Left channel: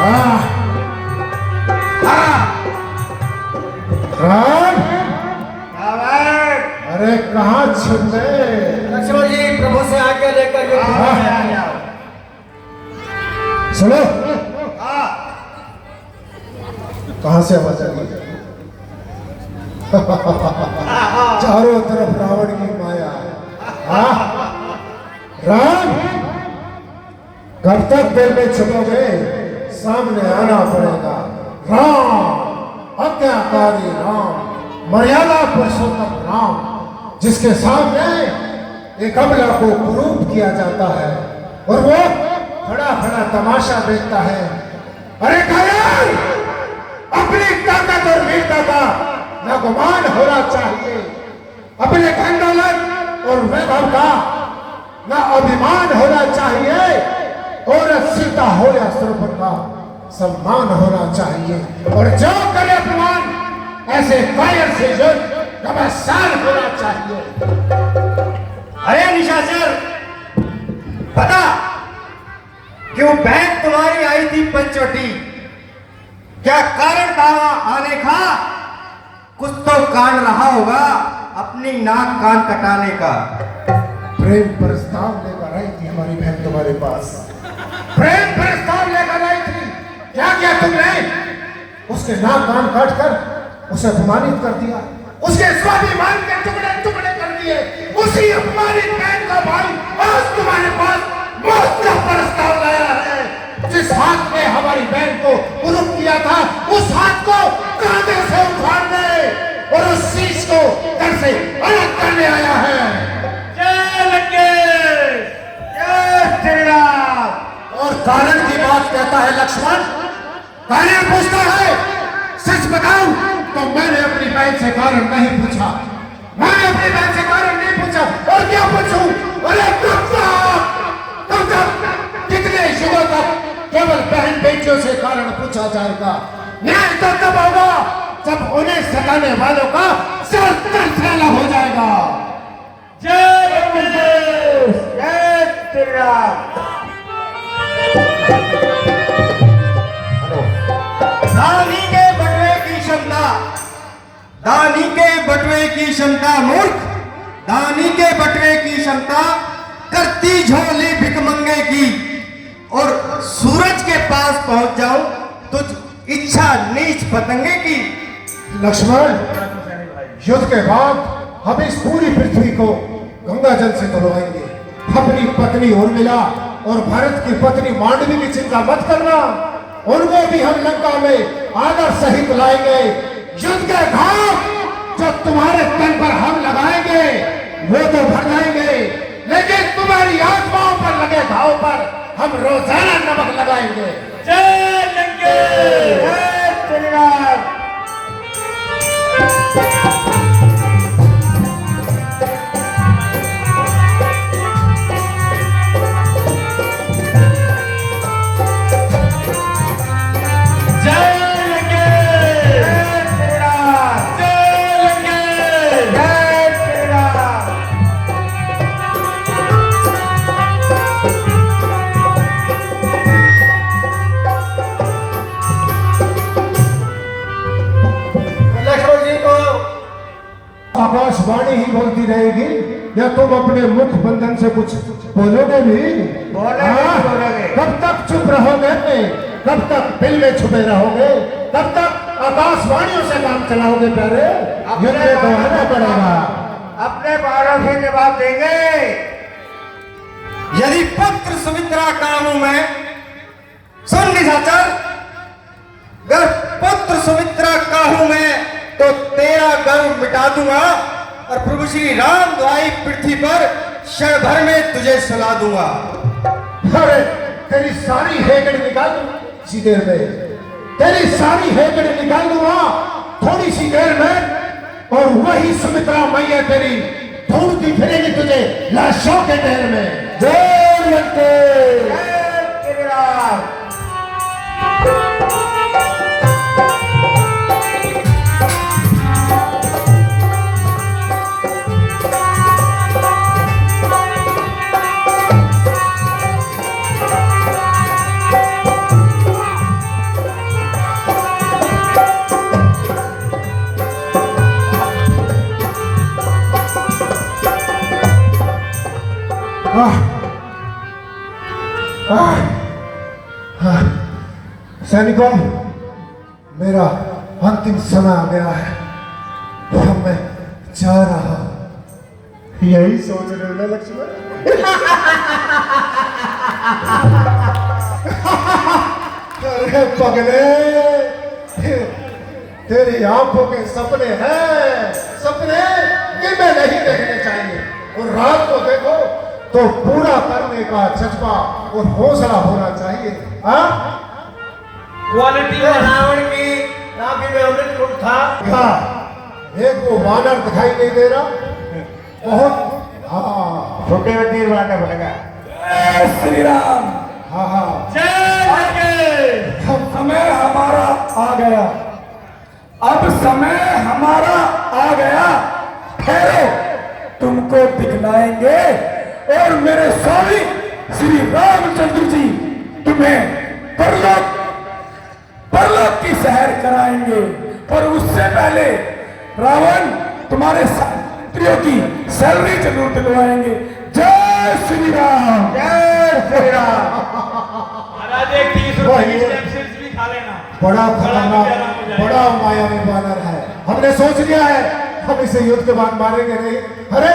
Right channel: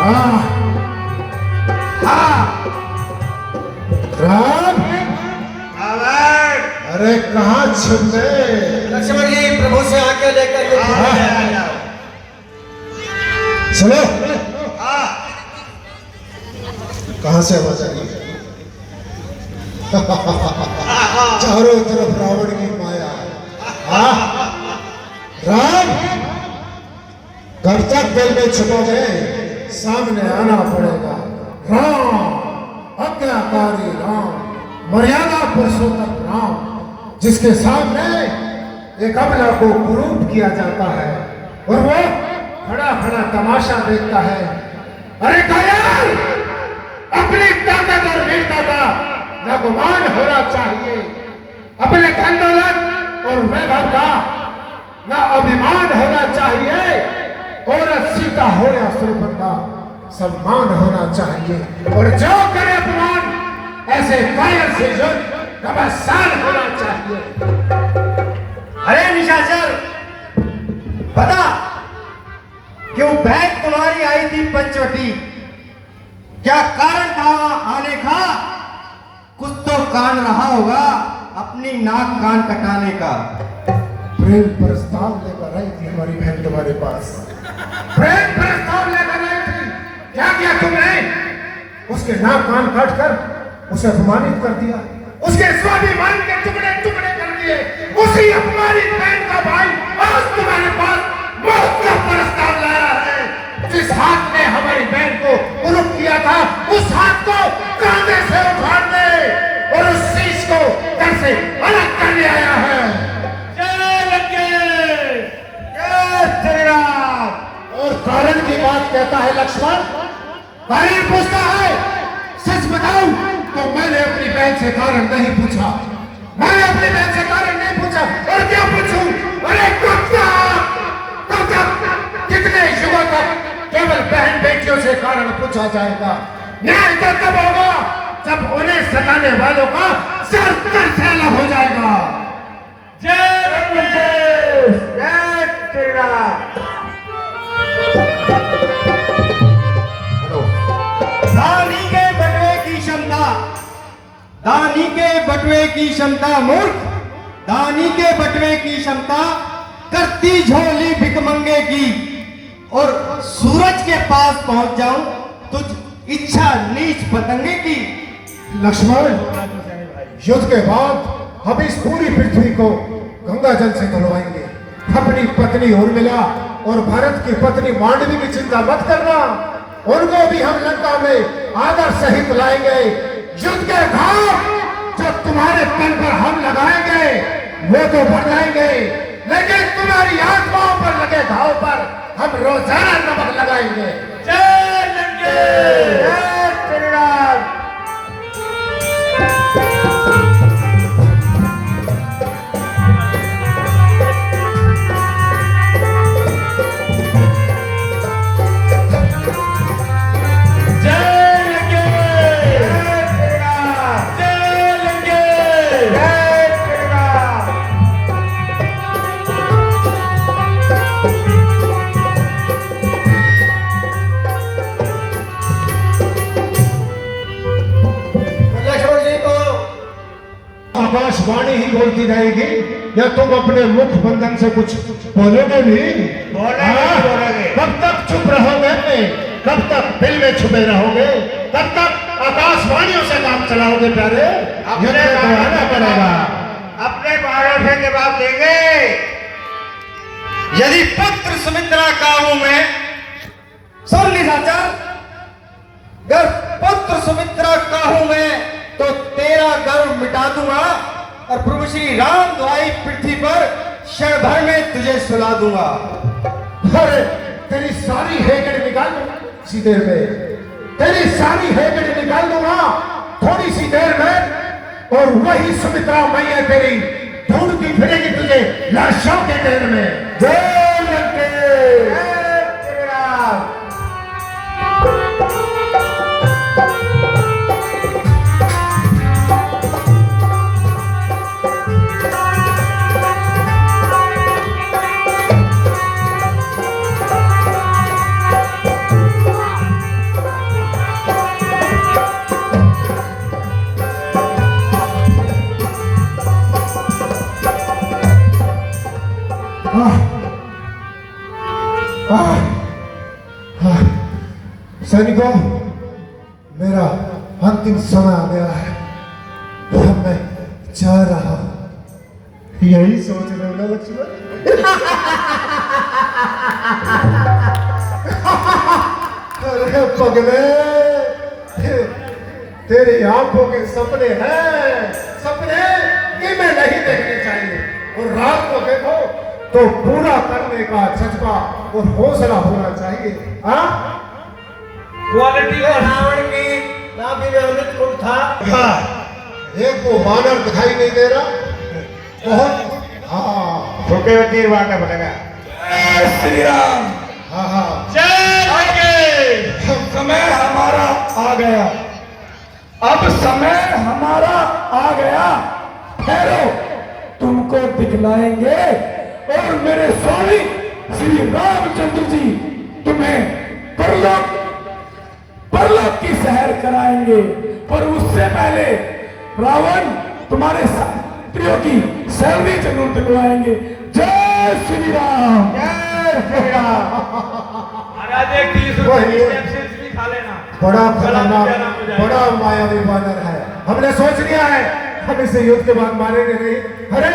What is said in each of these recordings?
हाँ हाँ राम, अरे कहाँ छुप गए? लक्ष्मण जी प्रभु से आके लेकर के चलो। कहाँ से आवाज आई? चारों तरफ रावण की माया। हाँ राम, कब तक दिल में छुपोगे? सामने आना पड़ेगा। राम, आज्ञाकारी राम, मर्यादा पुरुषोत्तम राम, जिसके सामने एक अबला को कुरूप किया जाता है और वो खड़ा खड़ा तमाशा देखता है। अरे घायल, अपनी ताकत और वीरता का न गुमान होना चाहिए, अपने धन दौलत और वैभव का न अभिमान होना चाहिए, और सीता हो या सुरभन का सम्मान होना चाहिए, और जो करे अपमान ऐसे कायर से जो नमस्कार होना चाहिए। अरे निशाचर, बता क्यों बहन तुम्हारी आई थी पंचवटी? क्या कारण था आने का? कुछ तो कान रहा होगा अपनी नाक कान कटाने का। प्रेम प्रस्ताव लेकर आई थी हमारी बहन तुम्हारे पास। प्रेम प्रस्ताव लेकर आई थी। क्या किया तुमने? उसके नाक कान काट कर उसे अपमानित कर दिया, उसके स्वाभिमान के टुकड़े टुकड़े कर दिए। उसी अपमानित बहन का भाई आज तुम्हारे पास मौत का प्रस्ताव लाया है। जिस हाथ ने हमारी बहन को कुरूप किया था, उस हाथ को कांधे से उखाड़ दे और उस शीश को घर से अलग करने आया है। और कारण की बात कहता है लक्ष्मण, कारण पूछता है। सच बताऊं तो मैंने अपनी बहन से कारण नहीं पूछा, मैंने अपनी बहन से कारण नहीं पूछा। और क्या पूछूं? अरे कब तक कितने युगों तक केवल बहन बेटियों से कारण पूछा जाएगा? न्याय तो तब होगा जब उन्हें सताने वालों का सर फैला हो जाएगा। जय श्री राम। दानी के बटवे की क्षमता, दानी के बटवे की क्षमता मूर्ख, दानी के बटवे की क्षमता करती झोली भिकमंगे की। और सूरज के पास पहुंच जाऊं तुझ इच्छा नीच पतंगे की। लक्ष्मण, युद्ध के बाद हम इस पूरी पृथ्वी को गंगा जल से धुलवाएंगे। अपनी पत्नी उर्मिला और भरत की पत्नी मांडवी की चिंता मत करना, उनको भी हम लंका में आदर सहित लाएंगे। युद्ध के घाव जो तुम्हारे तन पर हम लगाएंगे वो तो भर जाएंगे, लेकिन तुम्हारी आत्माओं पर लगे घाव पर हम रोजाना नमक लगाएंगे। जय लंके, जय श्री राम। आकाशवाणी ही बोलती रहेगी या तुम अपने मुख बंधन से कुछ बोलोगे भी? बोलेंगे। कब तक चुप रहोगे? कब तक दिल में छुपे रहोगे? कब तक आकाशवाणियों से काम चलाओगे? प्यारे, अपने तो आना पड़ेगा। अपने बारह के जवाब देंगे। यदि पुत्र सुमित्रा काबू में, सुन निशाचर, अगर पुत्र सुमित्रा काबू में तो तेरा गर्व मिटा दूंगा और प्रभु श्री राम द्वाई पृथ्वी पर क्षण भर में तुझे सुला दूंगा। अरे तेरी सारी हेकड़ी निकाल दूंगा इसी देर में, तेरी सारी हेकड़ी निकाल दूंगा थोड़ी सी देर में, और वही सुमित्रा मैया तेरी ढूंढती फिरेगी तुझे लाशों के ढेर में। जय लंके, जय श्री राम। सैनिकों, मेरा अंतिम समय आ गया है। अब मैं जा रहा हूं। यही सोच रहे हो ना लक्ष्मण? अरे पगले, तेरी आंखों के सपने हैं, सपने कि मैं नहीं देखने चाहिए। और रात को देखो तो पूरा करने का जज्बा और हौसला होना चाहिए। हाँ, क्वालिटी रावण की नाभि में अमृत कुंड था। हाँ, एक वो बानर दिखाई नहीं दे रहा, बहुत। हाँ छोटे तीर वाटा पड़ेगा। श्री राम। हाँ हाँ, समय हमारा आ गया, अब समय हमारा आ गया। ठहरो, तुमको दिखलाएंगे और मेरे स्वामी श्री रामचंद्र जी तुम्हें परलोक की सैर कराएंगे। पर उससे पहले रावण तुम्हारे प्रियो की सैलरी जरूर दिलवाएंगे। जय श्री राम, जय श्री राम। महाराज एक 30 रुपए की कैप्सूल्स भी खा लेना। बड़ा खतरनाक, बड़ा मायावी बानर है। हमने सोच लिया है हम इसे युद्ध के बाद मारेंगे नहीं। अरे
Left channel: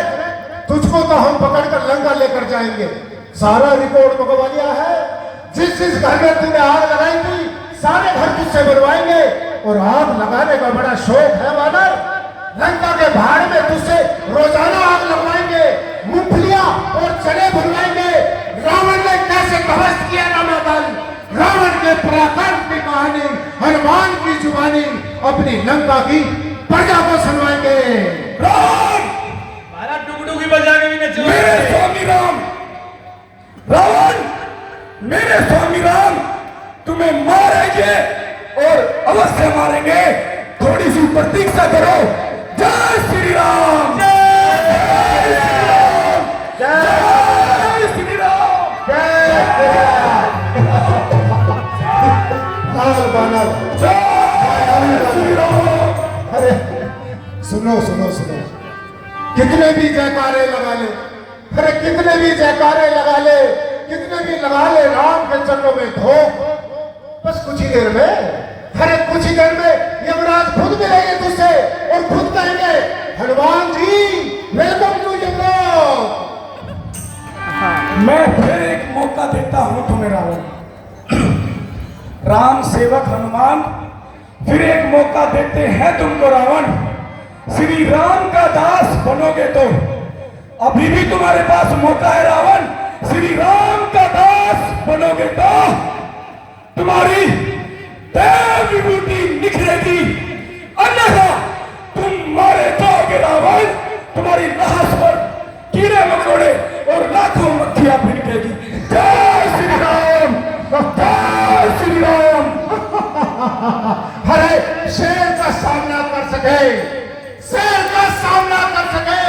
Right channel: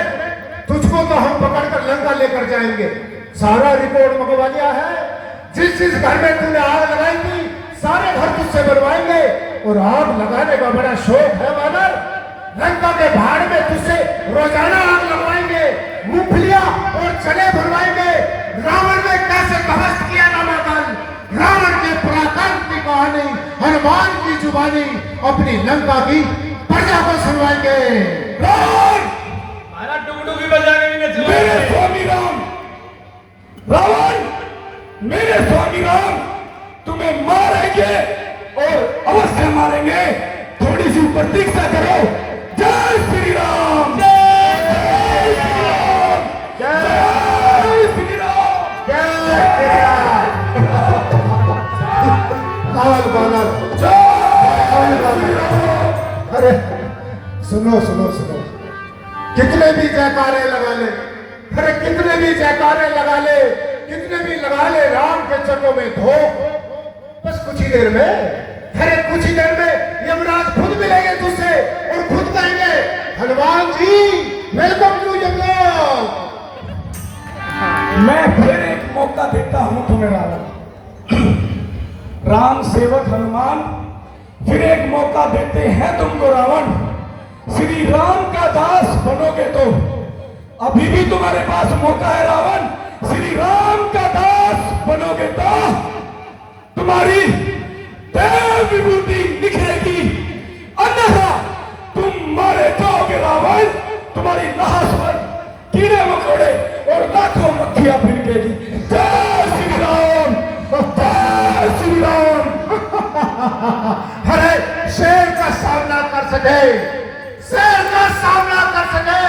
तुझको तो हम पकड़कर लंका लेकर जाएंगे। सारा रिपोर्ट मंगवा लिया है। जिस जिस घर में तूने आग लगाई थी सारे घर तुझसे बनवाएंगे। और आग लगाने का बड़ा शौक है बानर। लंका के भाड़ में तुझसे रोजाना आग लगवाएंगे, मूंगफलियां और चने भरवाएंगे। रावण ने कैसे ध्वस्त किया रामायण, रावण के पराक्रम की कहानी हनुमान की जुबानी अपनी लंका की प्रजा को सुनवाएंगे। रावण, महाराज डुगडुगी बजा के भी नचो। मेरे स्वामी राम, रावण, मेरे स्वामी राम तुम्हें मारेंगे और अवश्य मारेंगे। थोड़ी सी प्रतीक्षा करो। जय श्री राम, जय श्री राम, जय श्री राम, जय लाल बानर, जय श्री राम। अरे सुनो सुनो सुनो, कितने भी जयकारे लगा ले, अरे कितने भी जयकारे लगा ले, कितने भी लगा ले राम के चरणों में धो, बस कुछ ही देर में, अरे कुछ ही देर में यमराज खुद मिलेंगे तुझसे और खुद कहेंगे हनुमान जी वेलकम टू यमराज। मैं फिर एक मौका देता हूं तुम्हें रावण, राम सेवक हनुमान, फिर एक मौका देते हैं तुमको रावण। श्री राम का दास बनोगे तो अभी भी तुम्हारे पास मौका है रावण। श्री राम का दास बनोगे तो तुम्हारी देव विभूति निखरेगी, अन्यथा तुम मारे जाओगे रावण। तुम्हारी लाश पर कीड़े मकोड़े और लाखों मक्खियां भिड़केगी। जय श्री राम, जय श्री राम। अरे शेर का सामना कर सके, शेर का सामना कर सके,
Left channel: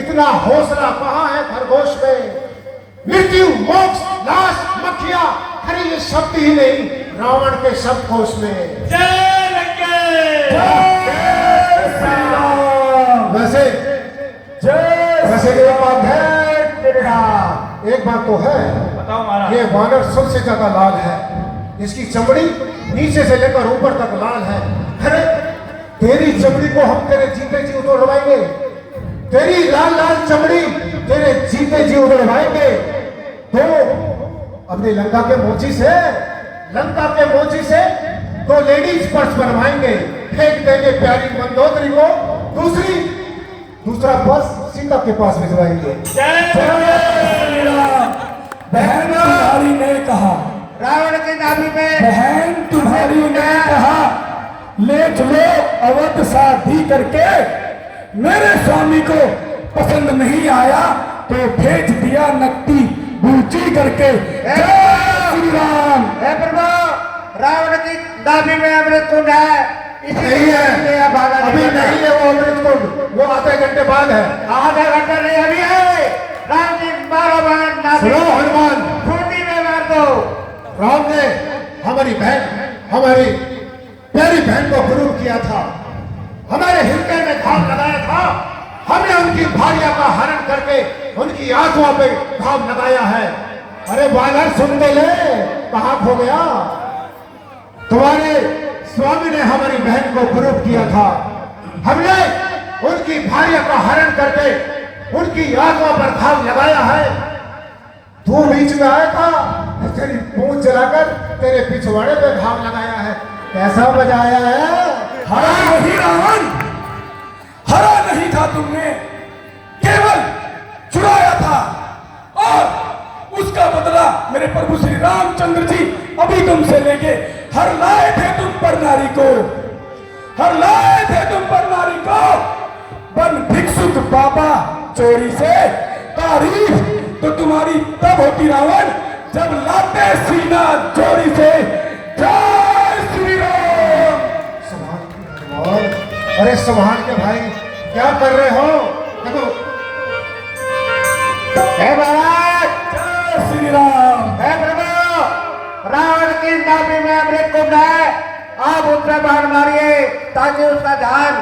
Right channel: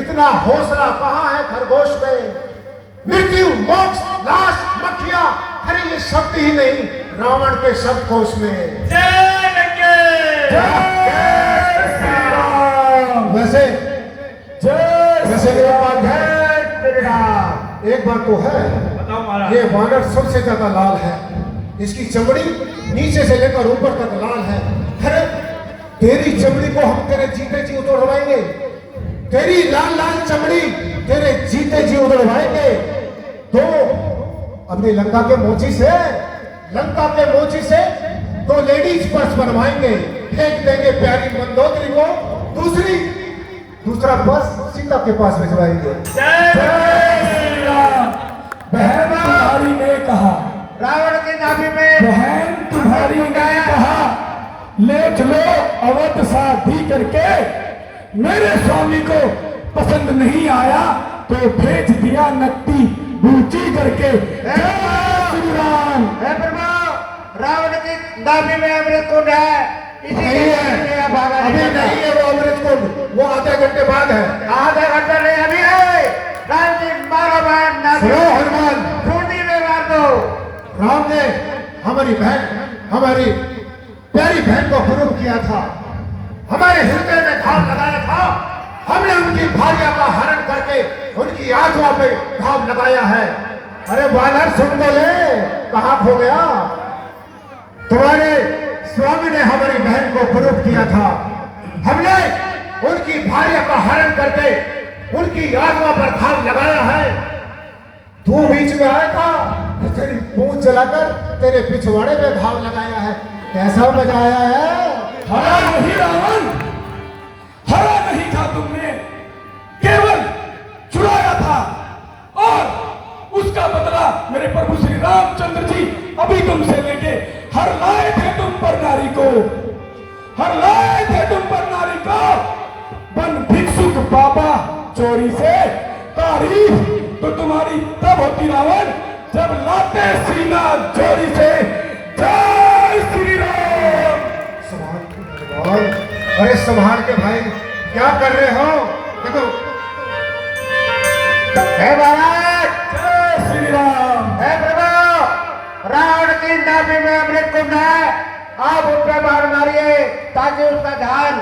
इतना हौसला कहाँ है खरगोश में। मृत्यु, मोक्ष, नाश, मक्खियां, अरे ये शब्द ही नहीं रावण के शब्दकोश में। जय लंके। जय श्री राम। वैसे एक बात है, एक बात तो है, बताओ महाराज। ये वानर सबसे ज्यादा लाल है। इसकी चमड़ी नीचे से लेकर ऊपर तक लाल है। अरे तेरी चमड़ी को हम तेरे जीते जी उतरवाएंगे, तेरी लाल लाल चमड़ी तेरे जीते जी उतरवाएंगे। तो अपनी लंका के मोची से तो लेडीज पर्स बनवाएंगे, फेंक देंगे प्यारी मंदोदरी को, दूसरा पर्स सीता के पास भिजवाएंगे। बहन तुम्हारी ने कहा, रावण की नाभि में बहन तुम्हारी ने कहा, ले चलो अवध शादी करके। मेरे स्वामी को पसंद नहीं आया तो भेज दिया नकदी बूची करके। जय श्री राम। हे प्रभु, रावण की नाभि में अमृत कुंड है। नहीं है, भागा अभी नहीं है वो अमृत कुंड, वो आधे घंटे बाद है। आधा घंटा नहीं, अभी है। राम की 12 बहन नाभि सुनो हनुमान, खूंटी में मार दो। राम ने हमारी प्यारी बहन को गुरूर किया था, हमारे हृदय में घाव लगाया था। हमने उनकी भार्या का हरण करके उनकी आत्मा पे घाव लगाया है। अरे वानर सुन ले, कहाँ खो गया? तुम्हारे स्वामी ने हमारी बहन को कुरूप किया था। हमने उनकी भार्या का हरण करके उनकी आत्मा पर घाव लगाया है। तू बीच में आया था, तेरी पूंछ जलाकर तेरे पिछवाड़े पे घाव लगाया है। कैसा बजाया है? हरा नहीं रावण, हरा नहीं था तुमने, केवल चुराया था और उसका बदला मेरे प्रभु श्री रामचंद्र जी अभी तुमसे लेके हर लाए थे तुम पर नारी को, हर लाए थे तुम पर नारी को। बन भिक्षुक बाबा चोरी से तारीफ तो तुम्हारी तब होती रावण जब लाते सीना चोरी से। जय श्री राम। अरे संभाल के भाई, क्या कर रहे हो? देखो, हे महाराज, जय श्री राम। हे प्रभु, रावण की नाभि में अमृत कुंड है, आप उस पर बाण मारिए ताकि उसका ध्यान।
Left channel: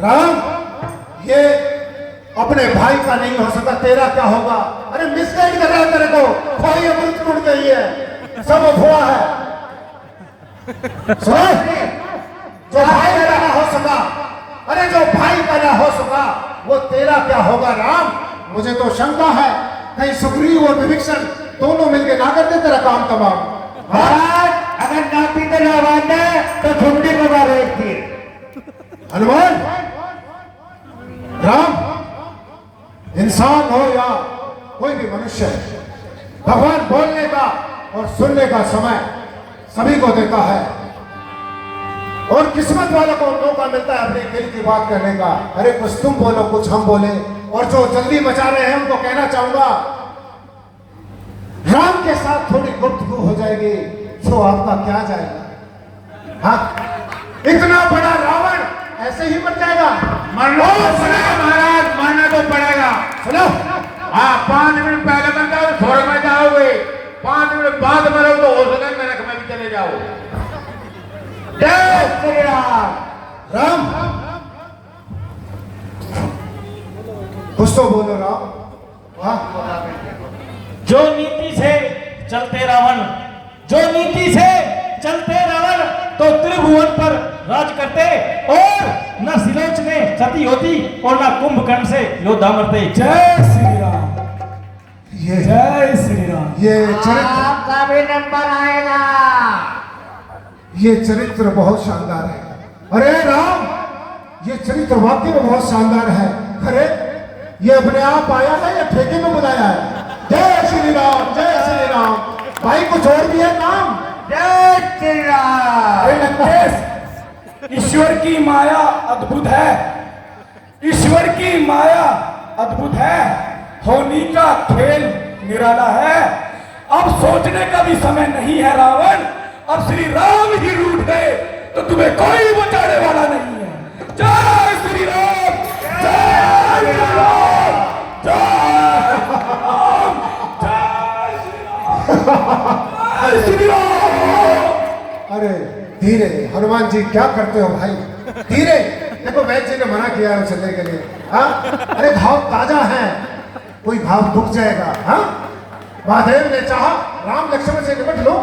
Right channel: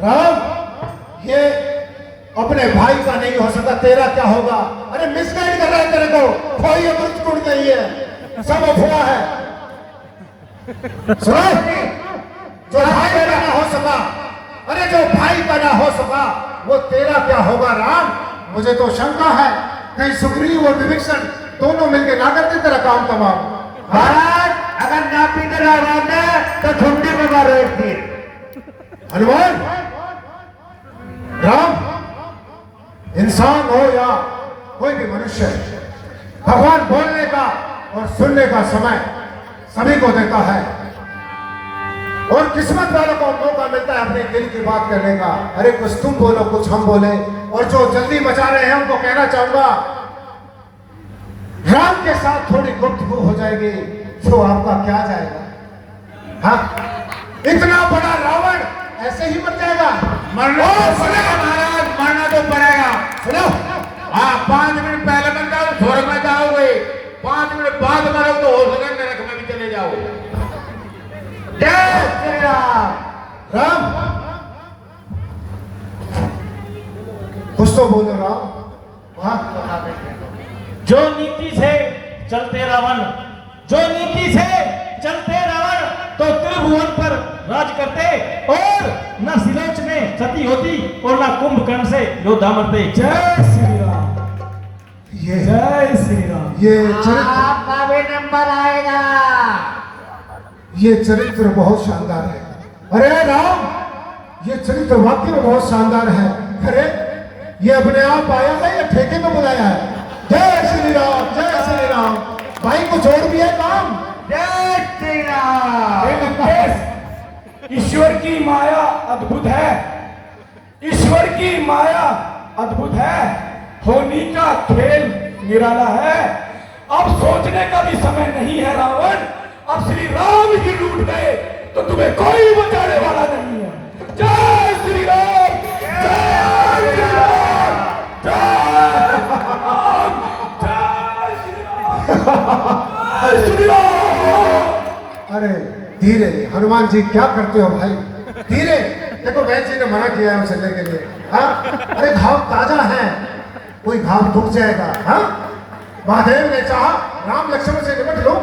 राम, ये अपने भाई का नहीं हो सकता, तेरा क्या होगा? अरे मिसगाइड कर रहा है तेरे को, भाई अमृत कुंड गई है, सब अफवाह है। सुनो, जो भाई का ना हो सका, अरे जो भाई का ना हो सका, वो तेरा क्या होगा राम? मुझे तो शंका है कहीं सुग्रीव और विभीषण दोनों मिलकर ना करते तेरा काम तमाम। महाराज, अगर ना पीते ना मारने तो झुंडी में मारो एक तीर। हनुमान, राम, इंसान हो या कोई भी मनुष्य, भगवान बोलने का और सुनने का समय सभी को देता है और किस्मत वालों को मौका मिलता है अपने दिल की बात करने का। अरे कुछ तुम बोलो, कुछ हम बोले, और जो जल्दी बचा रहे हैं उनको कहना चाहूंगा, राम के साथ थोड़ी गुफ्तगू हो जाएगी तो आपका क्या जाएगा? हाँ, इतना बड़ा रावण ऐसे ही मर जाएगा? मरना महाराज, मरना तो पड़ेगा। सुनो, हाँ, 5 मिनट पहले बन जाओ स्वर्ग में जाओगे, 5 मिनट बाद मरो तो हो सके नरक में भी चले जाओ। जय श्री राम। राम, कुछ तो बोलो राम। हाँ, जो नीति से चलते रावण, जो नीति से चलते रावण तो त्रिभुवन पर राज करते और न सिलोच में सती होती और न कुंभकर्ण से योद्धा मरते। जय श्री राम। ये जय श्री राम। ये चरित्र, आपका भी नंबर आएगा। ये चरित्र बहुत शानदार है। अरे राम, ये चरित्र वाकई में बहुत शानदार है। अरे ये अपने आप आया है या ठेके में बुलाया है? जय श्री राम, जय श्री राम। भाई कुछ और भी है काम? जय श्री राम। हे लंकेश, ईश्वर की माया अद्भुत है, ईश्वर की माया अद्भुत है, होनी का खेल निराला है। अब सोचने का भी समय नहीं है रावण, अब श्री राम ही रूठ गए तो तुम्हें कोई बचाने वाला नहीं है। जय श्री राम, जय श्री राम, जय श्री राम। अरे धीरे, हनुमान जी क्या करते हो भाई? धीरे, देखो वैद्य जी ने मना किया है चलने के लिए। हाँ, अरे घाव ताजा है, कोई घाव दुख जाएगा। हाँ, महादेव ने चाहा राम लक्ष्मण से निपट लो,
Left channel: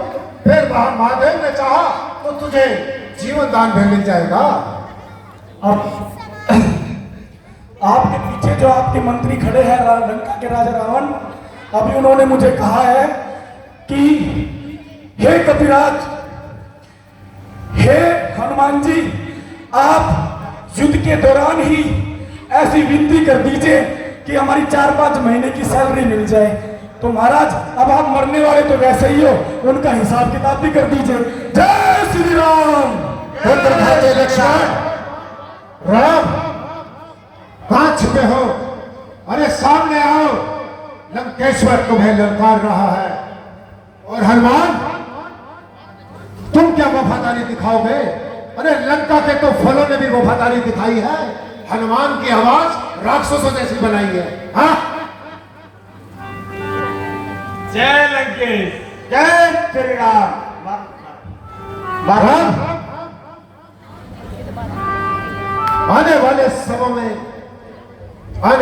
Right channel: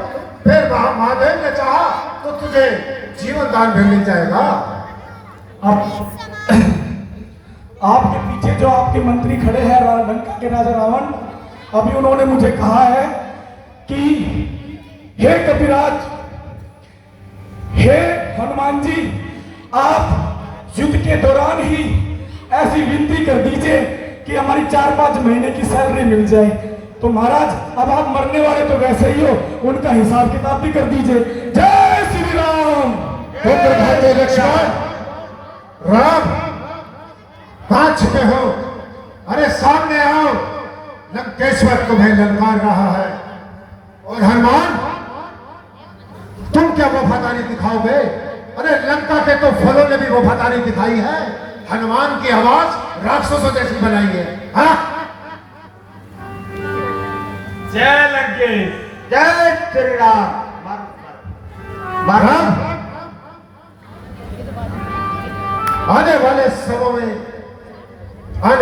फिर महादेव ने चाहा तो तुझे जीवन दान भी मिल जाएगा। अब आपके पीछे जो आपके मंत्री खड़े हैं लंका के राजा रावण, अभी उन्होंने मुझे कहा है कि हे कपिराज, हे हनुमान जी, आप युद्ध के दौरान ही ऐसी विनती कर दीजिए कि हमारी 4-5 महीने की सैलरी मिल जाए। तो महाराज, अब आप मरने वाले तो वैसे ही हो, उनका हिसाब किताब भी कर दीजिए। जय श्री राम। लक्ष्मण, राम, कहां छिपे हो? अरे सामने आओ, लंकेश्वर तुम्हें ललकार रहा है। और हनुमान, तुम क्या वफादारी दिखाओगे? अरे लंका के तो फलों ने भी वफादारी दिखाई है, हनुमान की आवाज राक्षसों जैसी बनाई है। हाँ, जय लंकेश, जय श्री राम। राम, आने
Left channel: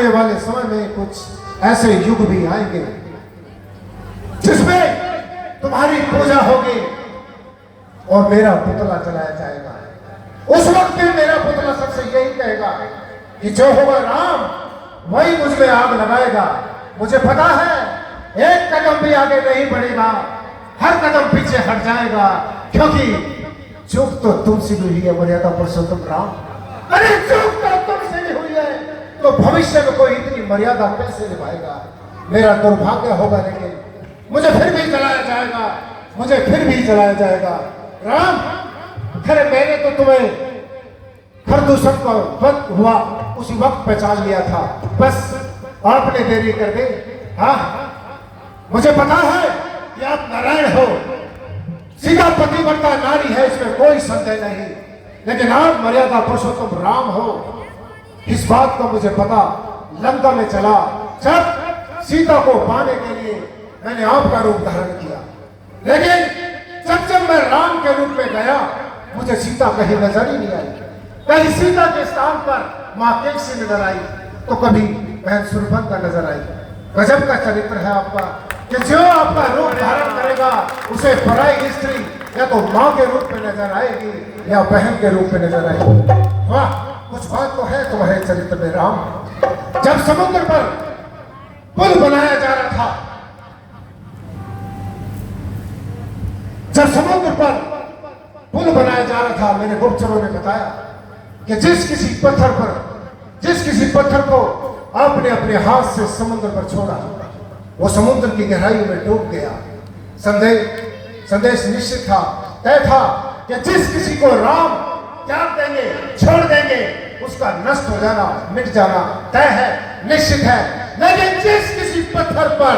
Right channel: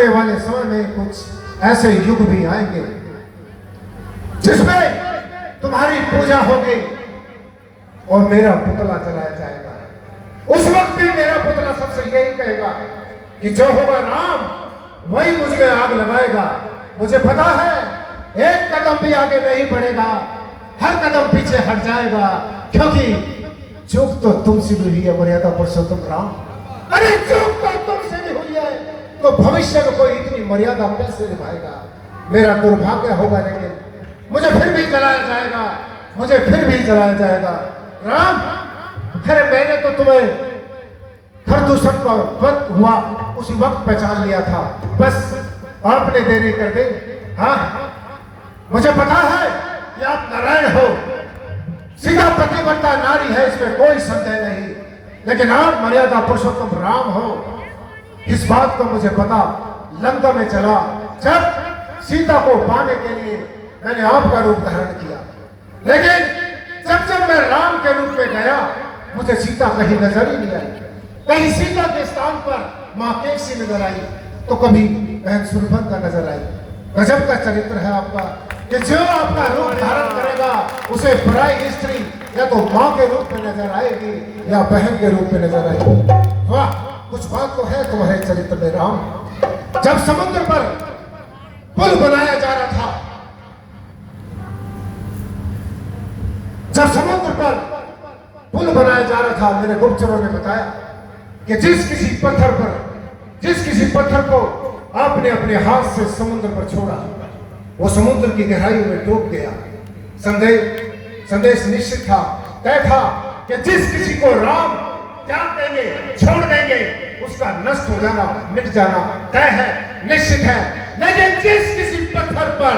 वाले समय में कुछ ऐसे युग भी आएंगे जिसमें तुम्हारी पूजा होगी, और मेरा पुतला चलाया जाएगा। उस वक्त भी मेरा पुतला सबसे यही कहेगा कि जो होगा राम वही मुझ में आग लगाएगा। मुझे पता है एक कदम भी आगे नहीं बढ़ेगा, हर कदम पीछे हट जाएगा, क्योंकि चूक तो तुमसे भी हुई है मर्यादा पुरुषोत्तम राम। अरे चूक तो तुमसे भी हुई है तो भविष्य में कोई इतनी मर्यादा कैसे निभाएगा। मेरा दुर्भाग्य होगा, लेकिन मुझे फिर भी जलाया जाएगा, मुझे फिर भी जलाया जाएगा। राम, अरे मैंने तो तुम्हें खरदूषण का वक्त हुआ उसी वक्त पहचान लिया था, बस आपने देरी कर दी। हाँ, मुझे पता है कि आप नारायण हो, सीधा पतिव्रता नारी है, इसमें कोई संदेह नहीं, लेकिन आप मर्यादा पुरुषोत्तम राम हो, इस बात को मुझे पता। लंका में चला जब सीता को पाने के लिए मैंने आपका रूप धारण किया, लेकिन जब जब मैं राम के रूप में गया मुझे सीता कहीं नजर ही नहीं आई। कहीं सीता के स्थान पर मां केसी नजर आई तो कभी बहन सुरभद्रा नजर आई। गजब का चरित्र है आपका कि जो आपका रूप धारण करेगा उसे पराई स्त्री या तो मां के रूप में नजर आएगी या बहन के रूप में नजर आएगी। वाह, कुछ बात तो है तुम्हारे चरित्र में राम। जब समुद्र पर पुल बनाया जा रहा था, जब समुद्र पर पुल बनाया जा रहा था, मेरे गुप्तचरों ने बताया कि जिस किसी पत्थर को आपने अपने हाथ से समुद्र पर छोड़ा वो समुद्र की गहराई में डूब गया। संदेश निश्चित था, तय था कि जिस किसी को राम त्याग देंगे, छोड़ देंगे, उसका नष्ट हो जाना, मिट जाना तय है, निश्चित है। लेकिन जिस किसी पत्थर पर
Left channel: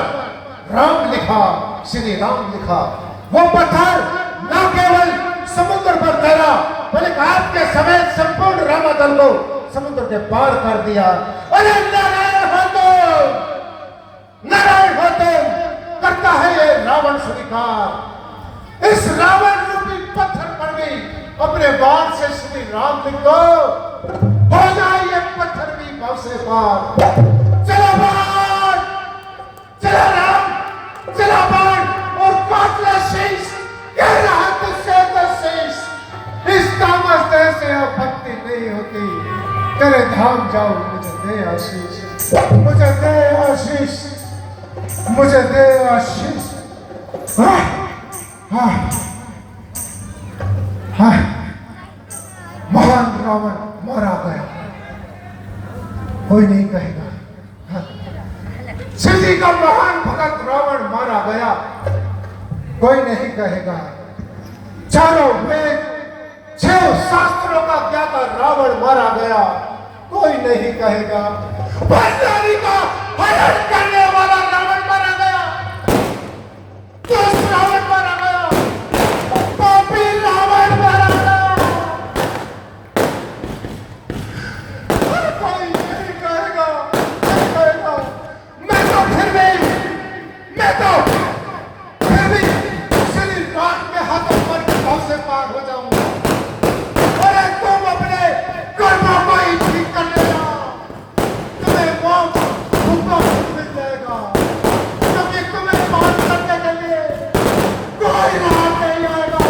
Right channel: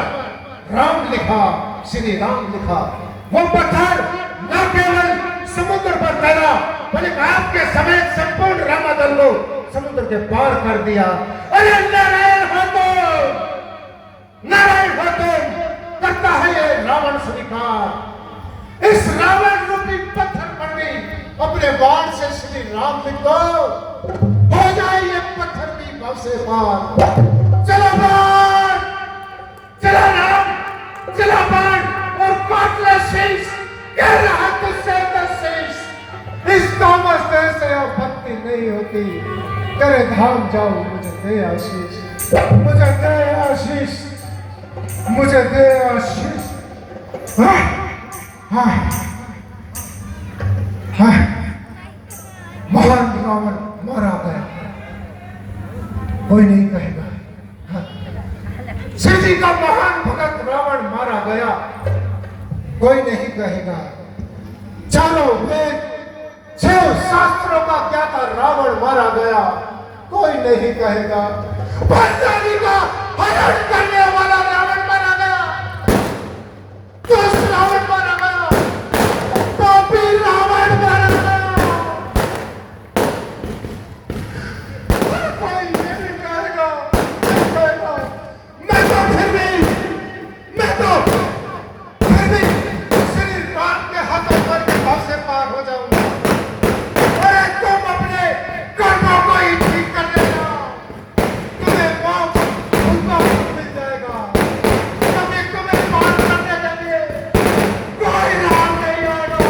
राम लिखा, श्री राम लिखा, वो पत्थर न केवल समुद्र पर तैरा बल्कि आपके समेत संपूर्ण रामादल को समुद्र के पार कर दिया। अरे नारायण हो तुम, नारायण हो तुम, करता है ये रावण स्वीकार। इस रावण रूपी पत्थर पर भी अपने बाण से श्री राम लिख दो, हो जाए ये पत्थर भी भाव से पार। चलो बाण, चला राम, चला बाण और काट ले शीश, कह रहा तुझसे दर्शेश। इस तामस देह से अब भक्ति नहीं होती, तेरे धाम जाओ, मुझे दे आशीष, मुझे दे आशीष, मुझे दे आशीष। हाँ, हाँ, हाँ, महान रावण मारा गया, कोई नहीं कहेगा। हाँ, शिव जी का महान भगत रावण मारा गया, कोई नहीं कहेगा। चारों वेद 6 शास्त्रों का क्या था, रावण मारा गया, कोई नहीं कहेगा। पंजाबी का हरण करने वाला रावण मारा गया, दुष्ट रावण मारा गया, पापी रावण मारा गया, कोई नहीं कहेगा, नहीं कहेगा। मैं तो फिर भी श्री राम के हाथ पर के भाव से पार हो जाऊंगा। तुम अपने कर्मों को ही ठीक कर लेना, तुम्हें मोक्ष उनका मिल जाएगा, क्योंकि तुम्हें पार करने के लिए कोई राम नहीं आएगा,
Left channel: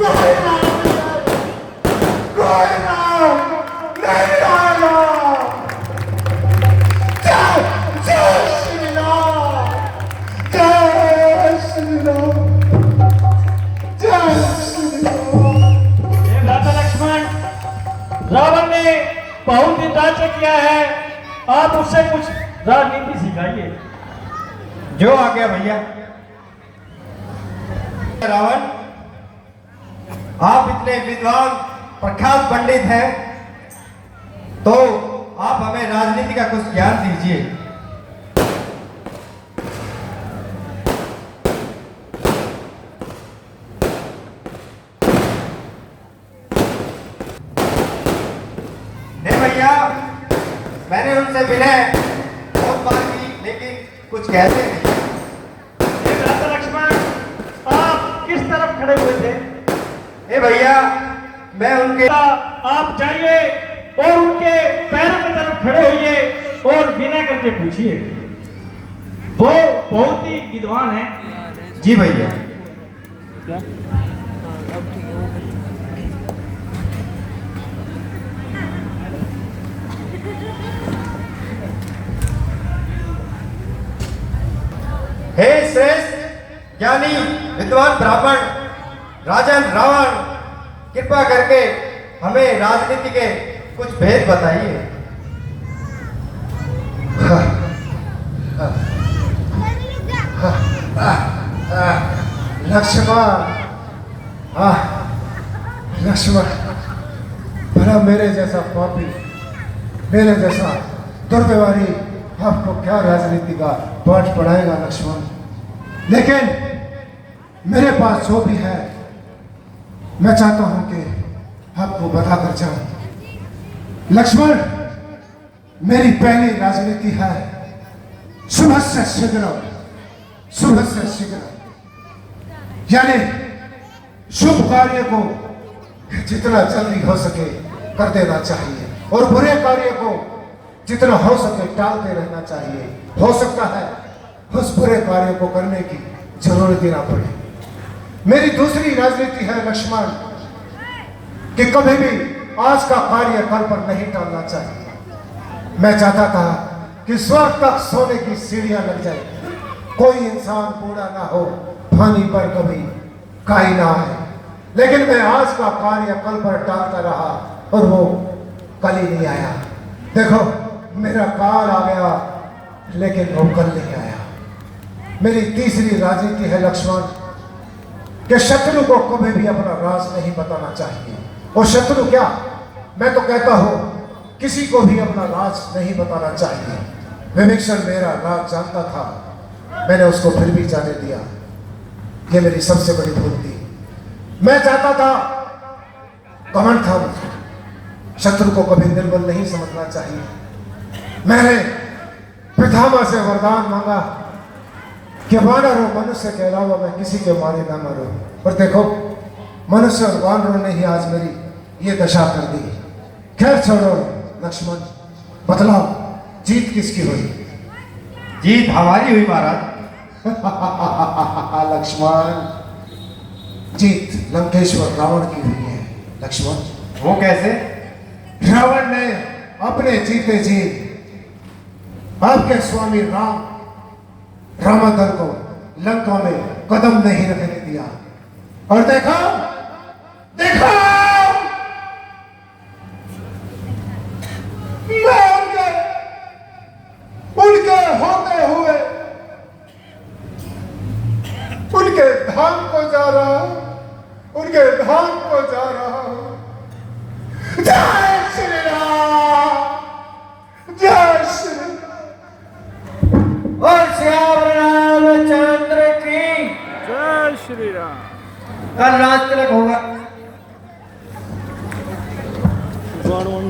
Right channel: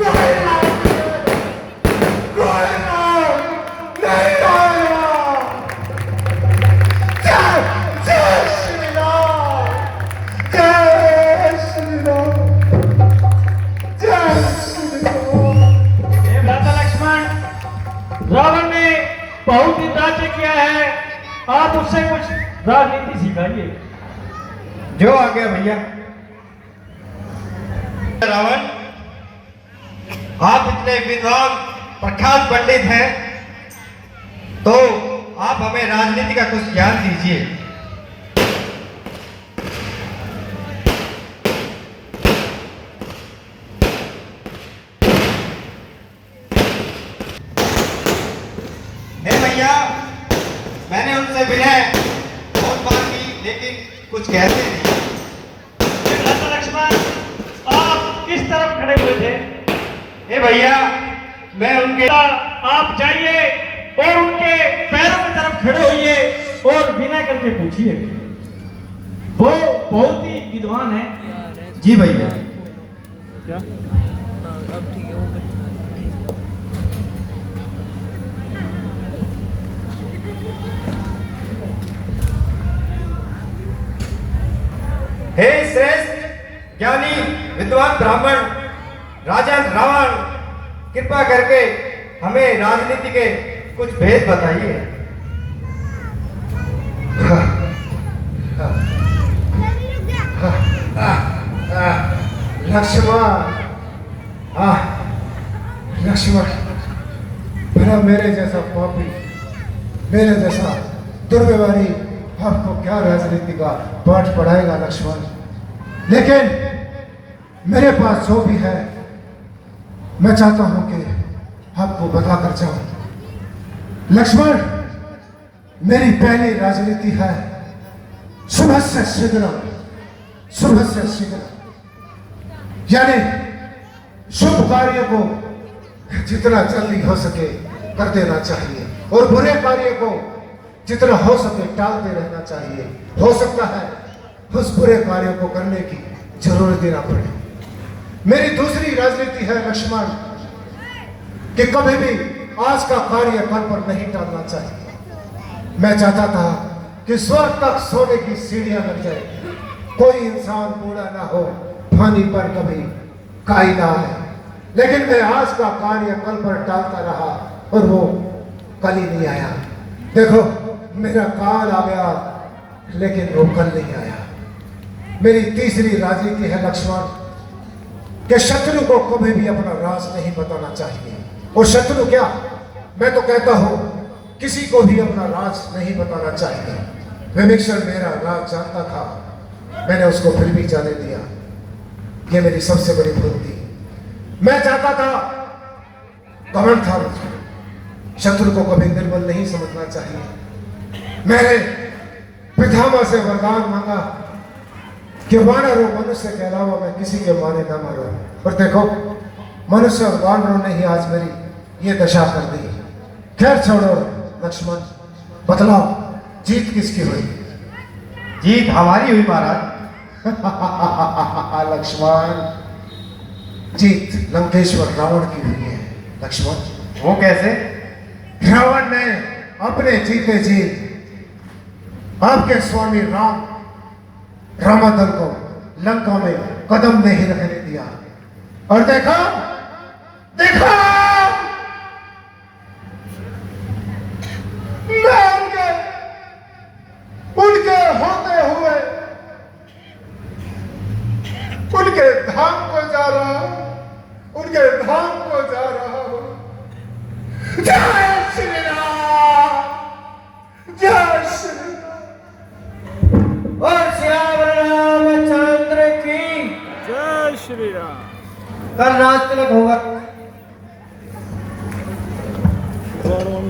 कोई राम नहीं आएगा, कोई राम नहीं आएगा। जय श्री राम, जय श्री राम, जय श्री राम। रावण ने बहुत ही राज्य किया है, आप उससे कुछ राजनीति सिखाइए। जो आ गया भैया। रावण, आप इतने विद्वान प्रख्यात पंडित हैं, तो आप हमें राजनीति का कुछ ज्ञान दीजिए। मैंने उनसे विनय बहुत बार की, लेकिन कुछ कहते नहीं। राजा लक्ष्मण, आप किस तरफ खड़े हुए थे? ए भैया, मैं उनके, आप जाइए और उनके पैरों की तरफ खड़े होइए और विनय करके पूछिए। वो बहुत ही विद्वान है। जी भैया। क्या? अब ठीक हे श्रेष्ठ ज्ञानी विद्वान ब्राह्मण राजन रावण, कृपा करके हमें राजनीति के कुछ भेद बताइए। लक्ष्मण, लक्ष्मण, भला मेरे जैसा पापी, मेरे जैसा दुर्व्यवहारी आपको क्या राजनीति का पाठ पढ़ाएगा लक्ष्मण। लेकिन मेरे पास जो भी है मैं चाहता हूं कि आपको बताकर जाऊं। लक्ष्मण, मेरी पहली राजनीति है सुबह से शीघ्र, सुबह से शीघ्र, यानी शुभ कार्य को जितना जल्दी हो सके कर देना चाहिए और बुरे कार्य को जितना हो सके टालते रहना चाहिए। हो सकता है उस बुरे कार्य को करने की जरूरत ही ना पड़े। मेरी दूसरी राजनीति है लक्ष्मण कि कभी भी आज का कार्य कल पर नहीं टालना चाहिए। मैं चाहता था कि स्वर्ग तक सोने की सीढ़ियां लग जाए, कोई इंसान बूढ़ा ना हो, पानी पर कभी काई ना आए। लेकिन मैं आज का कार्य कल पर टालता रहा और वो कल ही नहीं आया। देखो मेरा काल आ गया लेकिन वो कल नहीं आया। मेरी तीसरी राजनीति है लक्ष्मण कि शत्रु को कभी भी अपना राज नहीं बताना चाहिए। और शत्रु क्या, मैं तो कहता हूं किसी को भी अपना राज नहीं बताना चाहिए। विभीषण मेरा राज जानता था, मैंने उसको फिर भी जाने दिया। यह मेरी सबसे बड़ी भूल थी। मैं चाहता था, घमंड था मुझे, शत्रु को कभी निर्बल नहीं समझना चाहिए। मैंने पितामह से वरदान मांगा कि वानर और मनुष्य के अलावा मैं किसी के मारे ना मरूं। पर देखो मनुष्य और वानरों ने ही आज मेरी ये दशा कर दी। खैर छोड़ो लक्ष्मण, बतलाओ जीत किसकी हुई? जीत हमारी हुई महाराज। लक्ष्मण, जीत लंकेश्वर रावण की हुई है लक्ष्मण। वो कैसे? रावण ने अपने जीते जी आपके स्वामी रामादल को लंका में कदम नहीं रखने दिया। और देखा देखा मैं उनके होते हुए उनके धाम को जा रहा हूं, उनके धाम को जा रहा हूं। जय श्री राम, जय श्री राम। और श्याम रामचंद्र की जय श्री राम। कल राज तिलक होगा। One one